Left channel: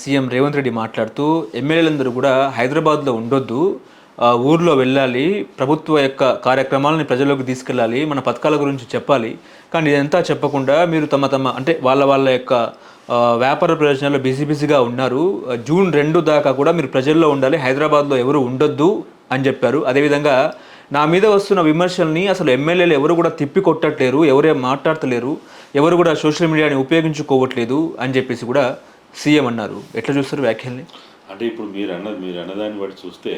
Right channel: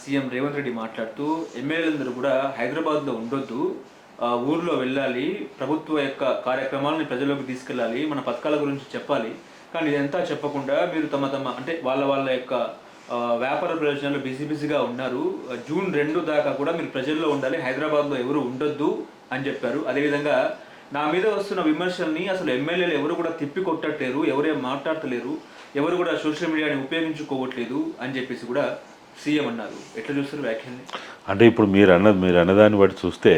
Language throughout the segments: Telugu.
సీఎం రేవంత్ రెడ్డి మాట్లాడుతూ ఎమ్మెల్యేలందరూ కూడా హైదరాబాద్లో ఉండొద్దు ఊర్లో వెళ్ళాలి ప్రభుత్వ యొక్క కార్యక్రమాలని ప్రజల్లోకి తీసుకెళ్ళాలి మన పథకాల గురించి చెప్పాలి. కానీ ఇదంతా చెప్పకుండా మీరు తమ తమ అంటే వాళ్ళ వాళ్ళ యొక్క వ్యాపార ప్రయోజనాల్లో బిజీ బిజీగా ఉన్నారు. జూన్ రెండు దాకా కూడా మీరు ప్రజల్లో ఉండాలి హైదరాబాద్లో ఎవరు ఉండొద్దు అని చెప్పారు. అదేవిధంగా నా మీద వస్తున్న విమర్శల్ని అసలు ఎమ్మెల్యేలు ఎవరు కూడా తిప్పి కొట్టట్లేరు ఎవరే మాట్లాడతలేరు ఎవరు కూడా సోషల్ మీడియాని ఉపయోగించుకోవట్లేదు అని చెప్పేసి కూడా సీఎం అన్నారు. ఎట్లా చూస్తారు వ్యాఖ్యల్ని? అంటే ఇప్పుడు మీరు అన్నది మీరు అన్నదాన్ని బట్టి చూస్తే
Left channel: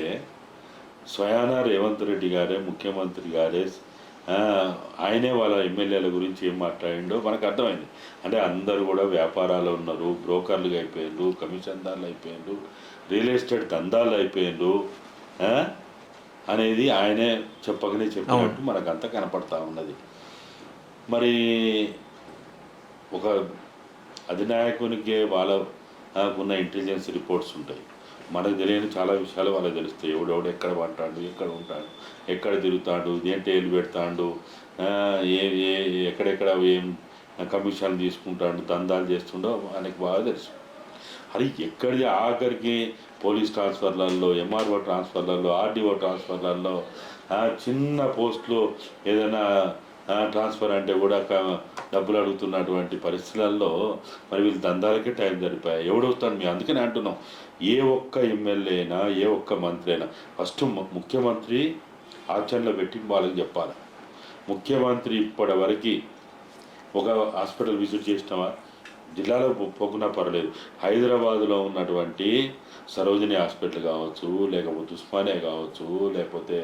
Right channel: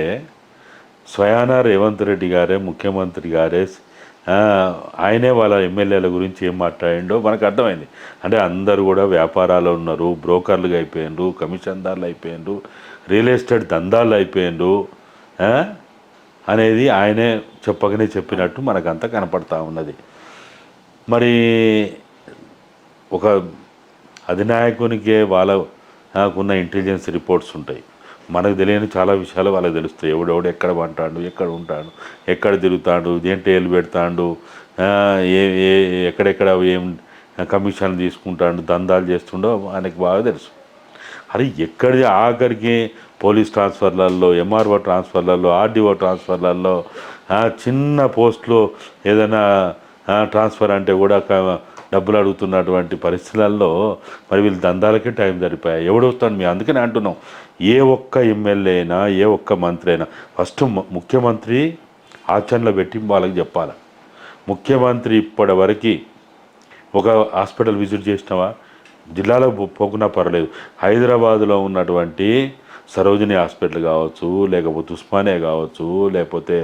స్వయానా రేవంత్ రెడ్డి గారే ముఖ్యమంత్రి గారే ఆయనే వాళ్ళ ఎమ్మెల్యేల గురించి ఏం మాట్లాడిండో మనకు అర్థమైంది. అంటే అందరూ కూడా వ్యాపారాలు ఉన్నారు బ్రోకర్లుగా అయిపోయిండ్రు కమిషన్దారులు అయిపోయిండ్రు రియల్ ఎస్టేట్ దందాలు అయిపోయిండ్రు అనేది ఆయనే చెప్పకనే చెప్పినట్టు మనకంతా కనపడతా ఉన్నది. మరి ఒక అధినాయకునికే వాళ్ళ నాకున్న ఇంటెలిజెన్స్ రిపోర్ట్స్ ఉంటాయి. మనకు తెలియని చాలా విషయాలు వాళ్ళకి తెలుస్తాయి. ఎవడెవడు ఎక్కడ పంటాడు ఎక్కడ ఉంటాడు ఎక్కడ తిరుగుతాడు ఏంటి ఏళ్ళు పెడతాడు ఏ ఏ ఎక్కడెక్కడ ఏం కమిషన్లు తీసుకుంటాడు దందాలు చేస్తుండో ఆయనకు బాగా తెలుసు. అరే ఎక్కడి ఆఖరికి పోలీస్ ట్రాన్స్ఫర్లలో ఎంఆర్ఓ ట్రాన్స్ఫర్లలో ఆర్డీఓ ట్రాన్స్ఫర్లలో చిన్న పోస్ట్లో ఏదైనా ట్రాన్స్ఫర్ అంటే కూడా డబ్బులు అడుగుతున్నటువంటి పరిస్థితులలో మరి వీళ్ళు దందాలకే టైం సరిపోయాయి ఎవడొస్తాడు మీ అందుకని అంటున్నాం. ఏ ఒక్క ఎమ్మెల్యే అయినా ఏ ఒక్క మంత్రి అయినా ఫస్ట్ ముఖ్యమంత్రి ఆచరణలో పెట్టి వాళ్ళకి చెప్పాలి. ముఖ్యమంత్రి ఇప్పటి వరకు ఒక హాస్పిటల్ విజిట్ చేసినావా? జిల్లాలో పోకున్నా పర్లేదు. హైదరాబాదులో ఉన్నటువంటి సరోజిని హాస్పిటల్ కావచ్చు లేకపోతే ఉస్మానియా కావచ్చు లేకపోతే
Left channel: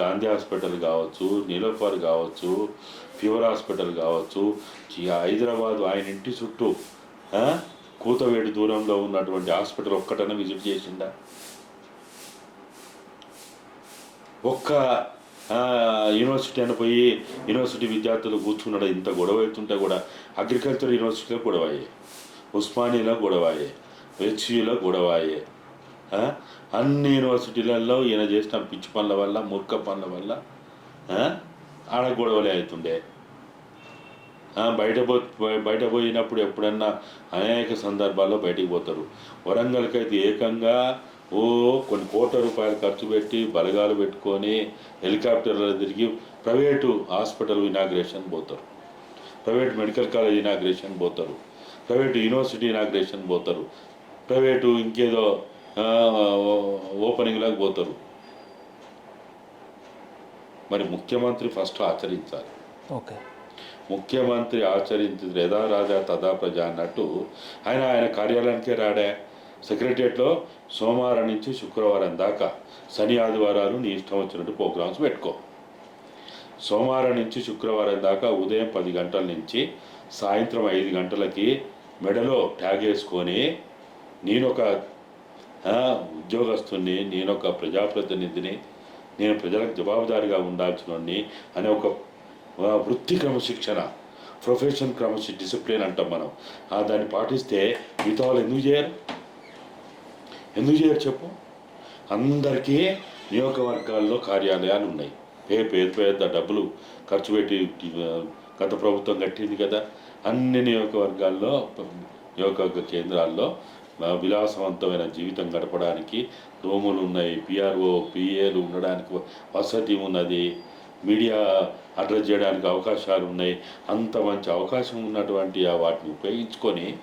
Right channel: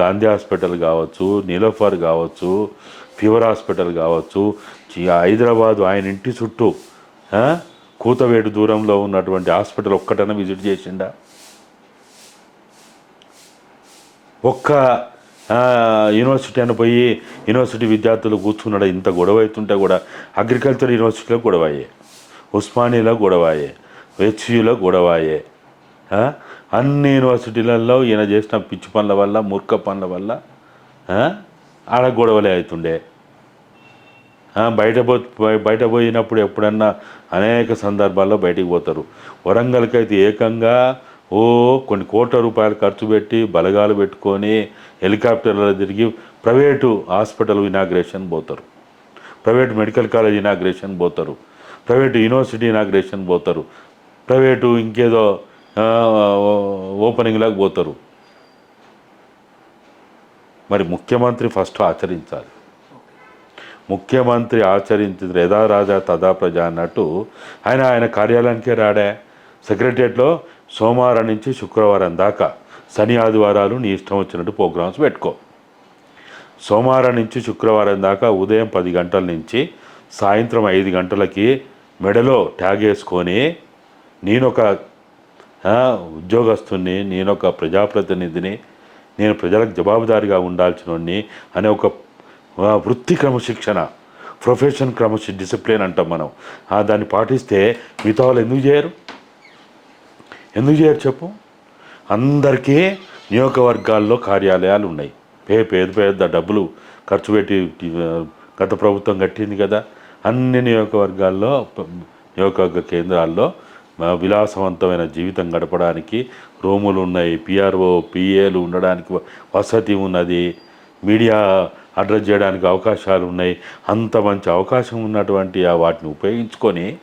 గాంధీ హాస్పిటల్ కావచ్చు నీలోఫర్ కావచ్చు ఫీవర్ హాస్పిటల్ కావచ్చు హైదరాబాద్ ఆయన ఇంటి చుట్టూ కూతవేటు దూరంలో ఉన్నటువంటి హాస్పిటల్ ఒక్కటైనా విజిట్ చేసిండా? ఒక్క యూనివర్సిటీ అని పోయి యూనివర్సిటీ విద్యార్థులు కూర్చున్నాడు? ఇంత గొడవ అవుతుంటే కూడా అగ్రికల్చర్ యూనివర్సిటీలో గొడవ అయ్యే ఉస్మానియాలో గొడవ అయ్యే హెచ్యుల గొడవాయే. అన్ని యూనివర్సిటీలలో ఈయన చేసిన పిచ్చి పనుల వల్ల మూర్ఖ పనుల వల్ల ఆడ గొడవలే అవుతుండే. బయట పో బయట పోయినప్పుడు ఎప్పుడన్నా అనేక సందర్భాల్లో బయటికి పోతారు. వరంగల్కి అయితే ఏకంగా ఓ కొన్ని కోట్ల రూపాయలు ఖర్చు పెట్టి బలగాలు పెట్టుకొని హెలికాప్టర్లో తిరిగి ప్రైవేటు హాస్పిటల్ ఇనాగ్రేషన్ పోతారు. ప్రైవేట్ మెడికల్ కాలేజ్ ఇనాగ్రేషన్ పోతారు. ప్రైవేట్ యూనివర్సిటీ ఇనాగ్రేషన్ పోతారు. ప్రైవేటు ఇంకేదో ఆ, ఓపెనింగ్లకు పోతారు. మరి ముఖ్యమంత్రి ఫస్ట్ ఆచరించాలి. ఓకే. ముఖ్యమంత్రి ఆచరించిన యథా రాజా తదా ప్రజ అన్నట్టు ఆయన ఆయన కార్యాలయానికే రాడే. సెక్రటరియట్లో సోమవారం నుంచి శుక్రవారం దాకా శని ఆదివారాలు నీ ఇష్టం వచ్చినట్టు ప్రోగ్రామ్స్ పెట్టుకో. సోమవారం నుంచి శుక్రవారం దాకా ఉదయం పది గంటల నుంచి సాయంత్రం ఐదు గంటలకి మెడలో ట్యాగ్ వేసుకొని నేనొక ఉద్యోగస్తుని నేనొక ప్రజాప్రతినిధిని నేను ప్రజలకు జవాబుదారిగా ఉండాల్సినోడిని అనే ఒక వృత్తి క్రమశిక్షణ ప్రొఫెషన్ క్రమశి డిసిప్లిన్ అంటాం మనం. ఆ, దాన్ని పాటిస్తే మిగతా వాళ్ళు ఎందుకు చేయరు? ఎందుకు చేయరు చెప్పు? అందరికీ నియోజకవర్గాల్లో కార్యాలయాలు ఉన్నాయి. పే పేద పేద డబ్బులు ఖర్చు పెట్టి గత ప్రభుత్వం కట్టింది కదా. అన్ని నియోజకవర్గాల్లో ప- నియోజకవర్గ కేంద్రాల్లో విలాసవంతమైన జీవితం గడపడానికి రూములు ఉన్నాయి పిఆర్ఓ పిఏలు ఉండడానికి వసతి ఉన్నది మీడియా అడ్రస్ చేయడానికి అవకాశాలు ఉన్నాయి. అంత మంచి అవకాశం ఉన్నటువంటి ఆ వాటిని ఉపయోగించుకొని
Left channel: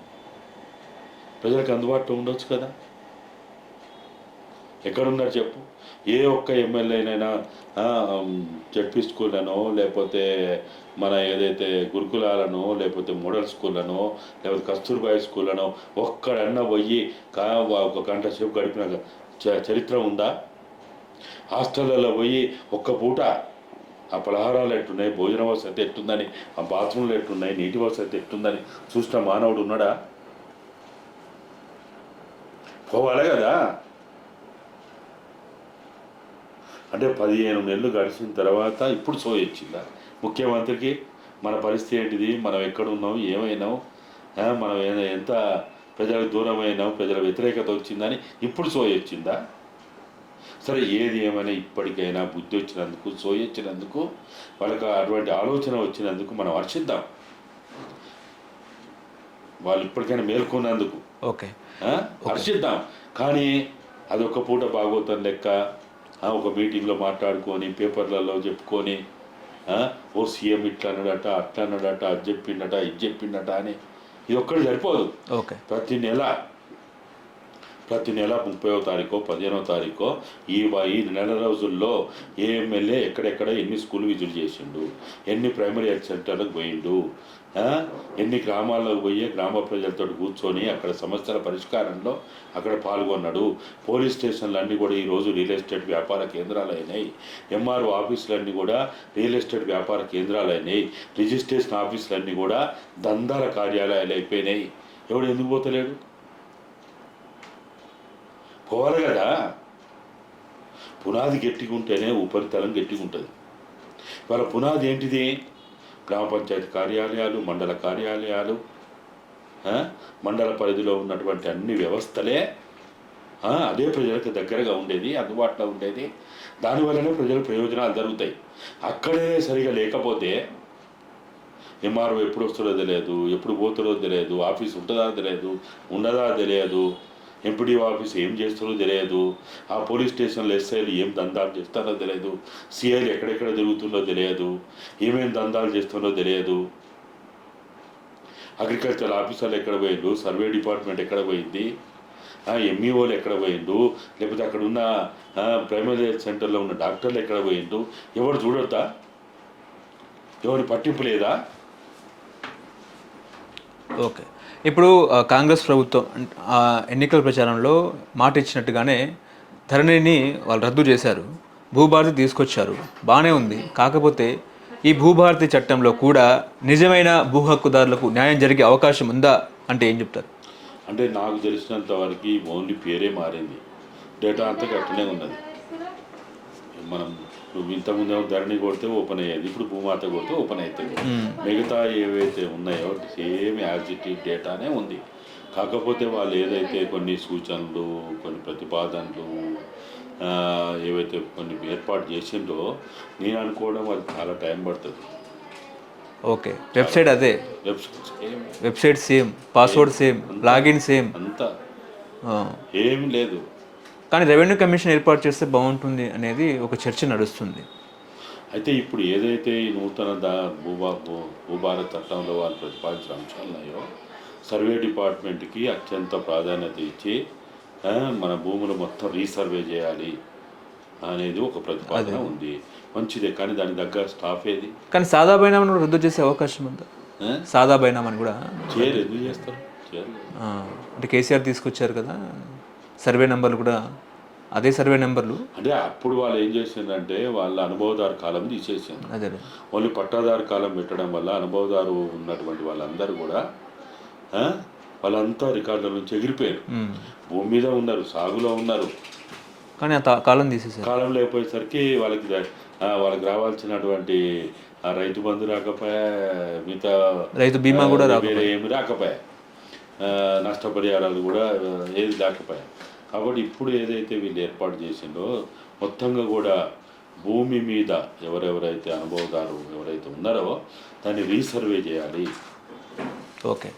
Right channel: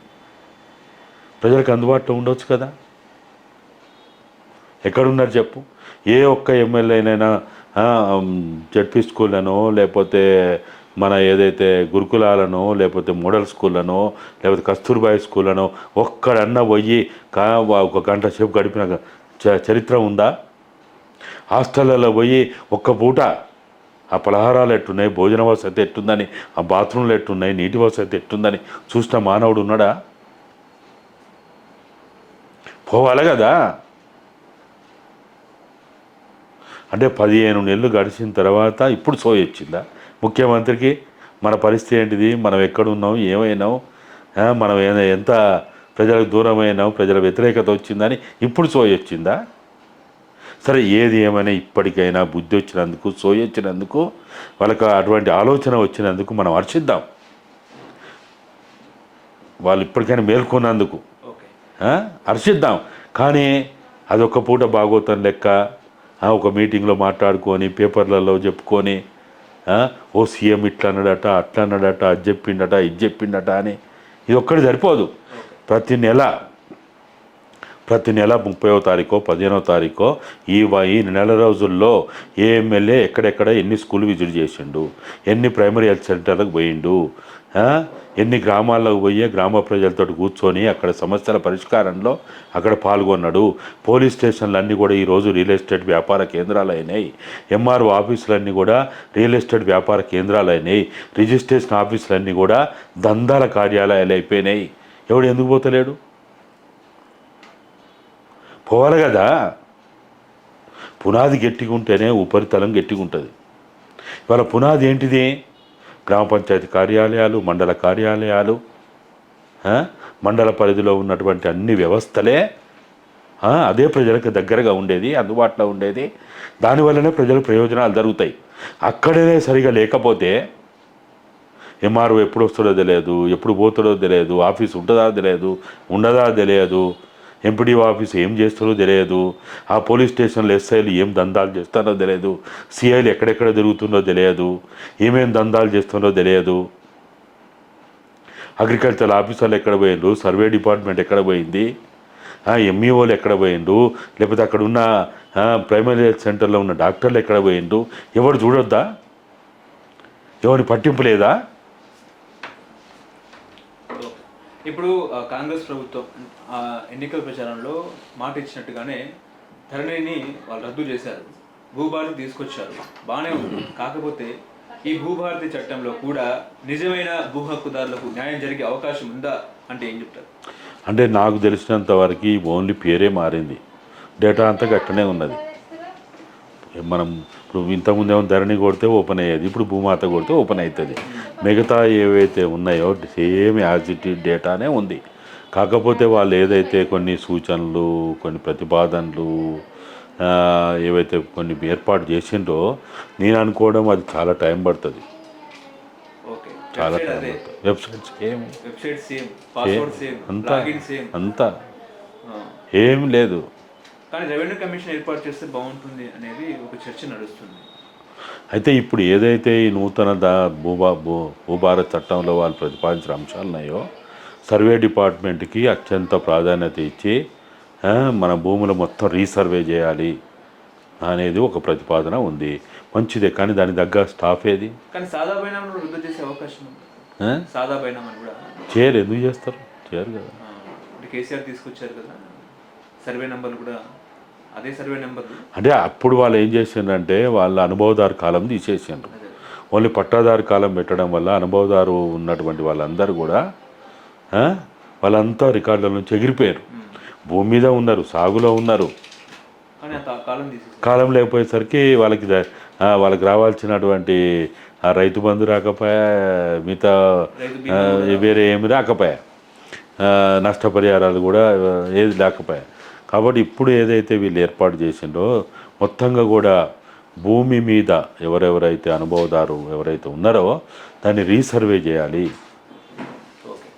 ప్రజలకు అందుబాటులో ఉండొచ్చు కదా. ఎక్కడున్నారు చెప్పు? ఏ ఒక్క ఎమ్మెల్యేనైనా జడ్పీ స్కూళ్ళనో లేకపోతే మన ఏదైతే గురుకులాలనో లేకపోతే మోడల్ స్కూళ్ళనో లేకపోతే కస్తూర్బాయి స్కూళ్ళనో ఒక్కడన్నా పోయి కా ఒక గంట సేపు గడిపిన చ- చరిత్ర ఉందా? హాస్టళ్ళలో పోయి ఒక్క పూట ఆ పలహారాలు ఎట్టున్నాయి భోజన వసతి ఎట్టుందని ఆ బాత్రూమ్లు ఎట్టున్నాయి నీటి వసతి ఎట్టుందని చూసిన మానవుడు ఉన్నాడా? పోవాలి కదా? అంటే పదిహేను నెలలు గడిచిన తర్వాత ఇప్పుడు సోయొచ్చిందా వచ్చిందా? ముఖ్యమంత్రికి మన పరిస్థితి ఏంటిది? మనం ఎక్కడున్నాం? ఏమైనాం? మనం ఎంత ప్రజలకు దూరమైనాం? ప్రజల వ్యతిరేకత వచ్చిందని ఇప్పుడు సోయి వచ్చిందా? సరే ఏది ఏమైనా ఇప్పటికైనా బుద్ధి వచ్చినందుకు సోయి వచ్చినందుకు వాళ్ళకి అటువంటి ఆలోచన వచ్చినందుకు మనం హర్షిద్దాం. వాళ్ళు ఇప్పటికైనా మేల్కొన్నందుకు. ఓకే? హర్షిద్దాం. కానీ అదొక పూట బాగోతం లెక్క. ఒక మీటింగ్లో మాట్లాడుకొని పేపర్లలో చెప్పుకొని ఓ సీఎం ఇట్లా అన్నాడట అట్లా అన్నాడట అది చెప్పిండట ఇది చెప్పిండట అని. ఇది ఒక్కటి సరిపోదు. ఓకే. ప్రతి నెల ప్రతి నెల ముప్పైవ తారీఖో పదిహేనవ తారీఖో ఈ ఈ నెల రోజుల్లో ఏ ఎమ్మెల్యే ఎక్కడెక్కడ ఎన్ని స్కూల్ విజిట్ చేసిండు ఎన్ని ప్రైమరీ హెల్త్ సెంటర్లకు పోయిండు? ఎన్ని గ్రామాల్లోకి పోయి గ్రామ ప్రజలతో కూర్చొని అక్కడ సమస్యల పరిష్కారంలో అక్కడ పాల్గొన్నాడు. పోలీస్ స్టేషన్లు అన్నీ కూడా ఈరోజు రియల్ ఎస్టేట్ వ్యాపార కేంద్రాలు అయినాయి. ఎంఆర్ఓ ఆఫీసులన్నీ కూడా రియల్ ఎస్టేట్ వ్యాపార కేంద్రాలు అయినాయి. రిజిస్ట్రేషన్ ఆఫీసులన్నీ కూడా దందాల కార్యాలయాలు అయిపోయినాయి. ఎవడు ఎందుకు పోతలేడు? పోవాలి కదా. పునాది గట్టిగా ఉంటేనే ఉపరితలం గట్టిగా ఉంటుంది ఇవాళ పునాది ఏంటిది? గ్రామ పంచాయతీ కార్యాలయాలు మండల కార్యాలయాలు మండల పరిధిలో ఉన్నటువంటి అన్ని వ్యవస్థలే అదే ప్రజలకు దగ్గరగా ఉండేది అందుబాటులో ఉండేది. దానివల్లనే ప్రజలకు ప్రయోజనాలు జరుగుతాయి. అక్కడనే సరిగా లేకపోతే ఎంఆర్ఓ ఎప్పుడు వస్తుందో తెలియదు ఎప్పుడు పోతుందో తెలియదు ఆఫీస్ ఉంటుందా తెలియదు ఉండదా తెలియదు. ఎంపీడీఓ ఆఫీస్ ఏం చేస్తారో తెలియదు. ఆ పోలీస్ స్టేషన్లో ఎస్ఐలు ఏం దందాలు చేస్తారో తెలియదు. సిఐలు ఎక్కడెక్కడ జరుగుతుందో తెలియదు. ఏమేం దందాలు చేస్తుందో తెలియదు. అగ్రికల్చర్ ఆఫీసర్లు ఎక్కడ పోయిండ్రు? సర్వే డిపార్ట్మెంట్ ఎక్కడ పోయింది? ఎంఈఓలు ఎక్కడ పోయిండు లేకపోతే అక్కడ ఉన్న ప్రైమరీ హెల్త్ సెంటర్లో ఉన్న డాక్టర్లు ఎక్కడ పోయిండు ఎవరు చూడొద్దా? ఎవరి పట్టింపు లేదా? ఓకే. ఇప్పుడు కాంగ్రెస్ ప్రభుత్వం ఎన్నికల ప్రచారంలో మాట ఇచ్చినట్టుగానే ధరణిని వాళ్ళు రద్దు చేశారు. భూభారతి తీసుకొచ్చారు. బాగానే ఉంది. కాకపోతే ఈ భూభారతి చట్టంలో కూడా నిజమైన భూ హక్కుదారులకు న్యాయం జరిగే అవకాశం ఉందా అంటే ఏం చెప్తారు? అంటే నాకు తెలిసినంత వరకు ఓన్లీ పేరే మారింది. డేటా అంతా గట్టనే ఉన్నది. మనం ఇప్పుడు ఇంతకుముందు ఏమో ధరణి కొడితే ఓపెన్ అయ్యేది ఇప్పుడు భూమాత కొడితే ఓపెన్ అవుతుంది. మిగతా ఏవైతే ఉన్నాయో సేమ్ యాజ్ ఇట్ ఈజ్ డేటానే ఉంది. కాకపోతే వాళ్ళు ఏదైతే కొన్ని సూచనలు కొన్ని ప్రతిపాదనలు ఏవైతే కొన్ని ఏర్పాటు చేసిండ్రో నేను అనుకోవడం అది చాలా టైం పడుతుంది. ఓకే. వెబ్సైట్ అదే? వెబ్సైట్స్ ఏం website same password same. Login same. అంతా. ఏం లేదు. కానీ రెవెన్యూ కమిషన్ ఏర్పాటు చేస్తే బాగుంటుంది అనేది ఒక చర్చ నడుస్తుంది. అయితే ఇప్పుడు ఏదైతే ఈ నూతన దా భూభా భూ భూభారత్ చట్టంలో వాళ్ళు ప్రతిపాదించిన అంశాలు ఉన్నాయో సర్వే డిపార్ట్మెంట్కి అత్యంత ప్రాధాన్యత ఇచ్చి మన భూములు మొత్తం రీసర్వే చేయాలి అనేది ఒక ప్రతిపాదన ఉంది. మంచిదే కానీ దాని తగ్గ స్టాఫ్ ఏది? కానీ సాదా బైనామాను కూడా రద్దు చేసే అవకాశం ఉందా? సాదా బైనామాని కూడా. చేయరు ఎందుకు చేస్తారు? చేయరు కదా. అంటే కేసీఆర్ తీసుకొచ్చారు కదా. సర్వే నెంబర్లు కూడా అదే సర్వే నెంబర్లు. అంటే అప్పుడు వాళ్ళు ఏం చేసిండ్రంటే వాళ్ళ అనుభవదారు కాలం అదే ఓన్లీ పట్టాదారు కాలం పెట్టడం వల్ల అనుభవదారు ఉన్నటువంటి వాళ్ళందరూ కూడా వాళ్ళంతా రికార్డుల నుంచి ఎగిరిపోయారు. భూమి మీద ఉన్నారు సాగులో ఉన్నారు. కానీ కాలం తీసేసారు కాలం లేకపోయేసరికి వాళ్ళకి వాళ్ళకి రావాల్సినటువంటి ఆ రైతు బంధు రాకపోయా మిగతా రైతు బీమా కూడా వేరే ఏమి రాకపోయా? నష్టపరిహారాలు కూడా ఏది లేకపోయా? కాబట్టి ఇప్పుడు ఏదైతే వీళ్ళు ఏర్పాటు చేసిండో మొత్తంగా కూడా భూమి మీద ఎవరెవరైతే అనుభవదారు ఎవరైతే ఉన్నారో దాన్ని రీసర్వే చేయాలి. ఓకే.